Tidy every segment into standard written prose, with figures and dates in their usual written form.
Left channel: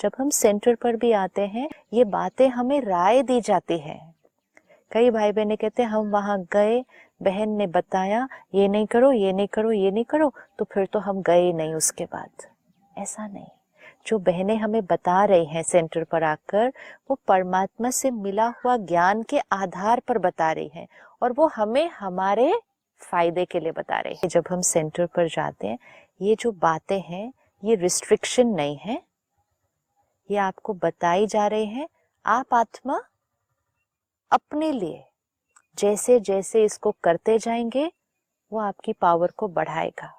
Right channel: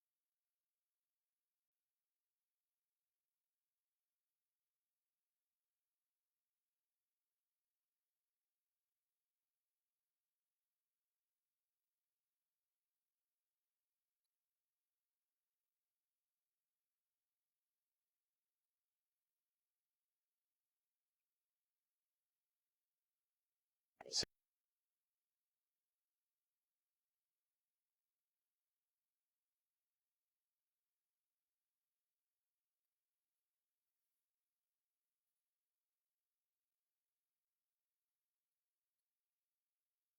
जब हम सेंटर पर भी आते हैं, ये बातें हमें राय दी जाती है। कई भाई बहनें कहते हैं हम वहां गए, बहन ने बताया ये नहीं करो, ये नहीं करो, ये नहीं करो, तो फिर तो हम गए नहीं उसके बाद। ऐसा नहीं, जो बहनें हमें बता रही हैं सेंटर पर आकर, वो परमात्मा से मिला हुआ ज्ञान के आधार पर बता रही हैं, और वो हमें हमारे फायदे के लिए बता रहे हैं। जब हम सेंटर पर जाते हैं, ये जो बातें हैं ये रिस्ट्रिक्शन नहीं है, ये आपको बताई जा रही हैं। आप आत्मा अपने लिए जैसे जैसे इसको करते जाएंगे, वो आपकी पावर को बढ़ाएगा।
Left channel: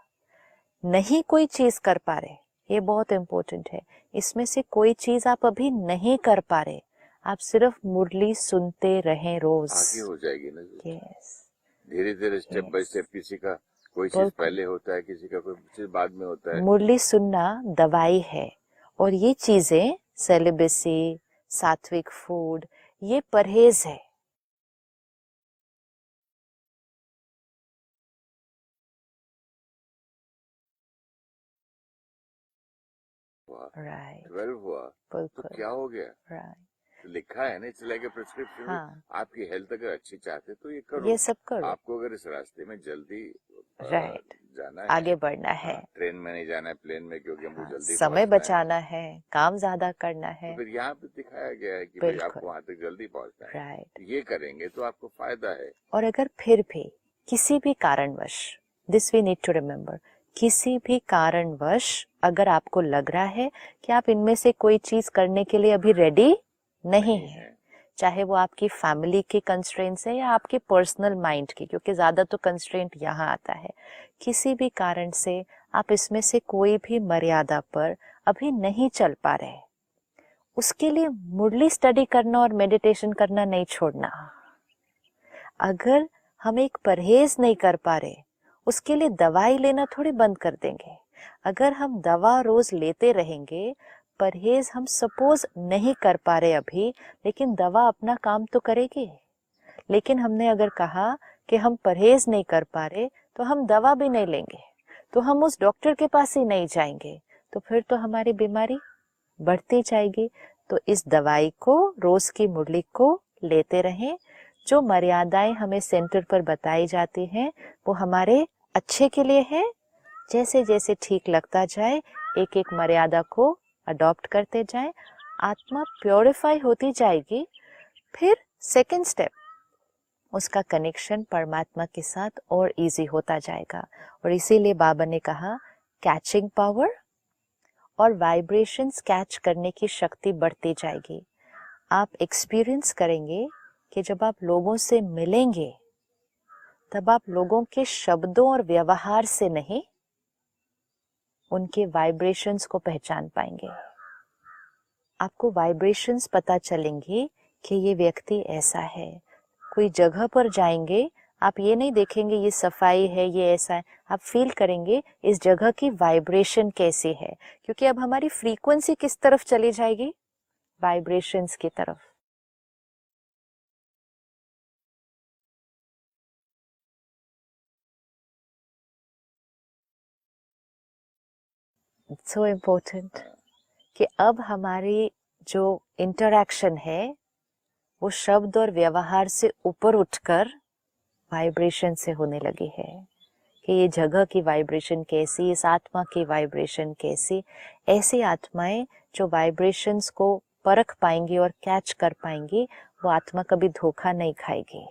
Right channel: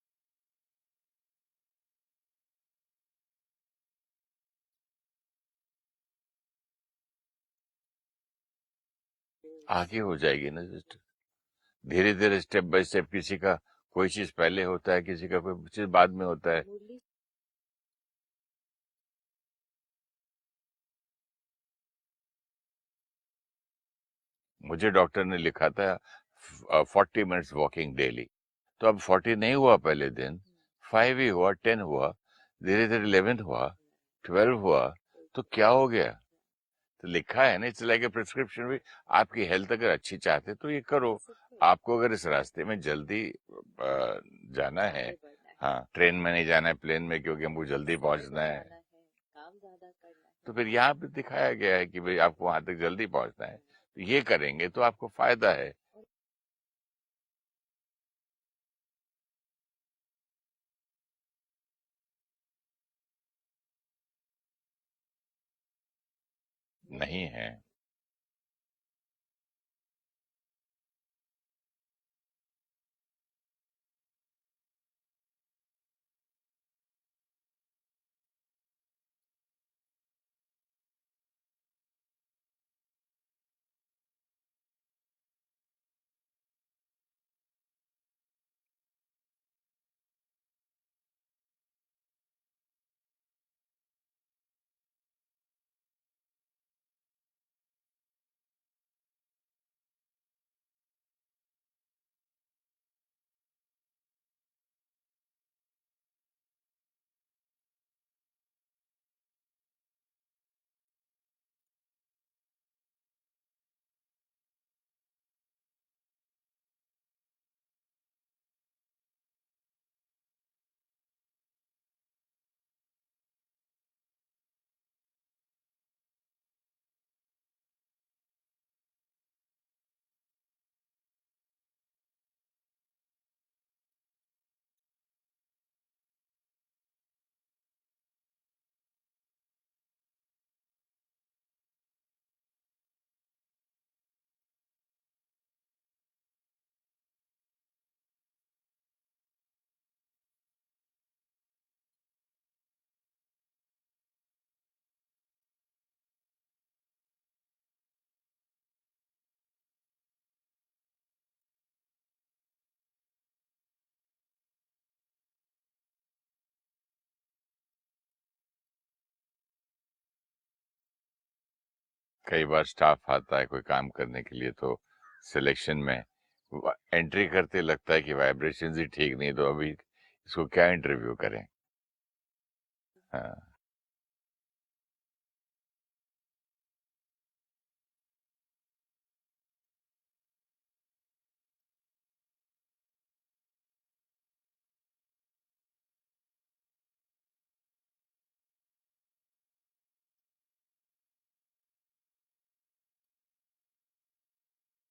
नहीं कोई चीज कर पा रहे, ये बहुत इंपॉर्टेंट है, इसमें से कोई चीज आप अभी नहीं कर पा रहे, आप सिर्फ मुरली सुनते रहें रोज, आगे हो जाएगी ना। yes, धीरे धीरे स्टेप बाय yes. स्टेप, किसी का कोई चीज पहले होता है, किसी का कोई चीज बाद में होता है। मुरली सुनना दवाई है, और ये चीजें सेलिबेसी, सात्विक फूड, ये परहेज है। मुझे डॉक्टर ने लिखा था 40 मिनट्स वॉकिंग डेली, तो अब 40 नहीं हुआ पहले दिन, 5 ही हुआ, 10 हुआ, धीरे धीरे 11 हुआ, 12 हुआ, तो क्या हो गया? तो लिखा है ना, इट्स लाइक ए प्रिस्क्रिप्शन। हाँ, आपकी हेल्थ अगर अच्छी चाहते तो ये करो। ये सब करो, आपको अगर इस रास्ते में जल्दी जाना है, आगे बढ़ना है, हाँ, ट्रेन में नहीं जाना है, प्लेन में, क्योंकि हमको जल्दी समय पहुंचना है, बचाना है, काम ज्यादा करना तो है, फिर यहाँ पे दिखाया गया है कि भाई आपको वहां तक जल्दी पहुंचना है, राइट। ये करेंगे तो आपको फायदा है। और अगर फिर भी किसी भी कारणवश, this we need to remember, किसी भी कारणवश अगर आपको लग रहा है कि आप इनमें से कोई चीज करने के लिए अभी रेडी नहीं है, चाहे वो आपकी फैमिली के कंस्ट्रेंट्स है या आपके पर्सनल माइंड की, क्योंकि ज्यादा तो कंस्ट्रेंट यहाँ आता है, किसी भी कारण से आप इसमें से कोई भी मर्यादा पर अभी नहीं चल पा रहे, उसके लिए मुरली स्टडी करना और मेडिटेशन करना नहीं छोड़ना। अगर हम एक परहेज नहीं कर पा रहे, उसके लिए दवाई लेना थोड़ी बंद कर देंगे। अगर हम दवा रोज लेते रहेंगे, परहेज हम सपोज नहीं कर पा रहे अभी, लेकिन दवा अपना काम तो करेगी। लेकिन हमने अगर कहा कि हम परहेज नहीं कर पा रहे, तो हम दवा भी नहीं लेंगे, तो हम उस डॉक्टर के पास ही नहीं जाएंगे, तो फिर तो हमारी बीमारी बढ़ती जाएगी। तो इस दवाई को, रोज की मुरली को लेते रहें। जो मर्यादाएं हमें सेंटर पर बताई जाती हैं, वो हमारे अच्छे के लिए है। जैसे जैसे ठीक लगता जाए, एक एक मर्यादा को अडॉप्ट करते जाएं, आत्मा प्योरिफाई होती जाएगी। फिर सेकंड स्टेप, उसका कनेक्शन परमात्मा के साथ और इजी होता जाएगा। और इसीलिए बाबा ने कहा कैचिंग पावर और वाइब्रेशंस कैच करने की शक्ति बढ़ती जाएगी। आप एक्सपीरियंस करेंगे कि जब आप लोगों से मिलेंगे, तब आप लोगों के शब्दों और व्यवहार से नहीं, उनके वाइब्रेशंस को पहचान पाएंगे। आपको वाइब्रेशंस पता चलेंगे कि ये व्यक्ति ऐसा है। कोई जगह पर जाएंगे, आप ये नहीं देखेंगे ये सफाई है, ये ऐसा है, आप फील करेंगे इस जगह की वाइब्रेशन कैसी है, क्योंकि अब हमारी फ्रीक्वेंसी किस तरफ चली जाएगी, वाइब्रेशंस की तरफ। कई बार स्टाफ आता है कोई काम करने के लिए, तो सिलेक्शन में एंट्री करते लगता है कि वाइब्रेशंस ही ठीक नहीं, तो अभी इसको क्या इंटरव्यू करें। सो इम्पोर्टेंट कि अब हमारी जो इंटरैक्शन है वो शब्द और व्यवहार से ऊपर उठकर वाइब्रेशन से होने लगी है, कि ये जगह की वाइब्रेशन कैसी, इस आत्मा की वाइब्रेशन कैसी। ऐसी आत्माएं जो वाइब्रेशंस को परख पाएंगी और कैच कर पाएंगी, वो आत्मा कभी धोखा नहीं खाएगी।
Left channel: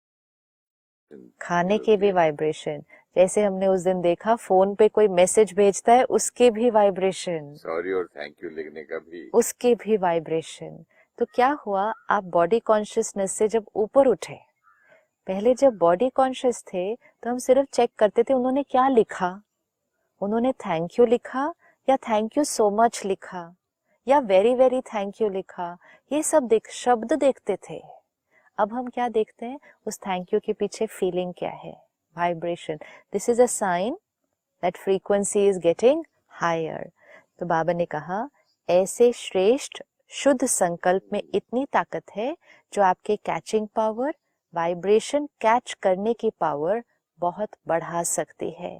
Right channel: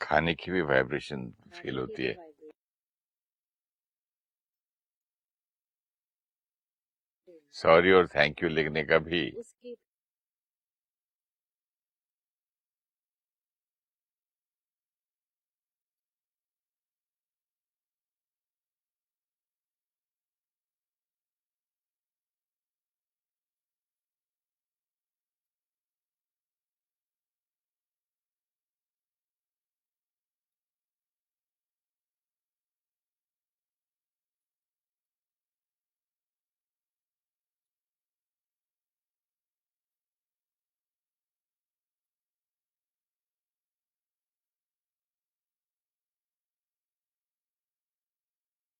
खाने की भी वाइब्रेशन, खाने की भी वाइब्रेशन, जैसे हमने उस दिन देखा फोन पे कोई मैसेज भेजता है, उसके भी वाइब्रेशन, सॉरी और थैंक यू लिखने का भी, उसके भी वाइब्रेशन। तो क्या हुआ, आप बॉडी कॉन्शियसनेस से जब ऊपर उठे, पहले जब बॉडी कॉन्शियस थे तो हम सिर्फ चेक करते थे उन्होंने क्या लिखा, उन्होंने थैंक यू लिखा या थैंक यू सो मच लिखा या वेरी वेरी थैंक यू लिखा, ये सब शब्द देखते थे। अब हम क्या देखते हैं, उस थैंक यू के पीछे फीलिंग क्या है, vibration. This is a sign that frequency is getting higher. तो बाबा ने कहा ऐसे श्रेष्ठ शुद्ध संकल्प में इतनी ताकत है जो आपके कैचिंग पावर, वाइब्रेशन कैच करने की पावर बहुत बढ़ा सकती है।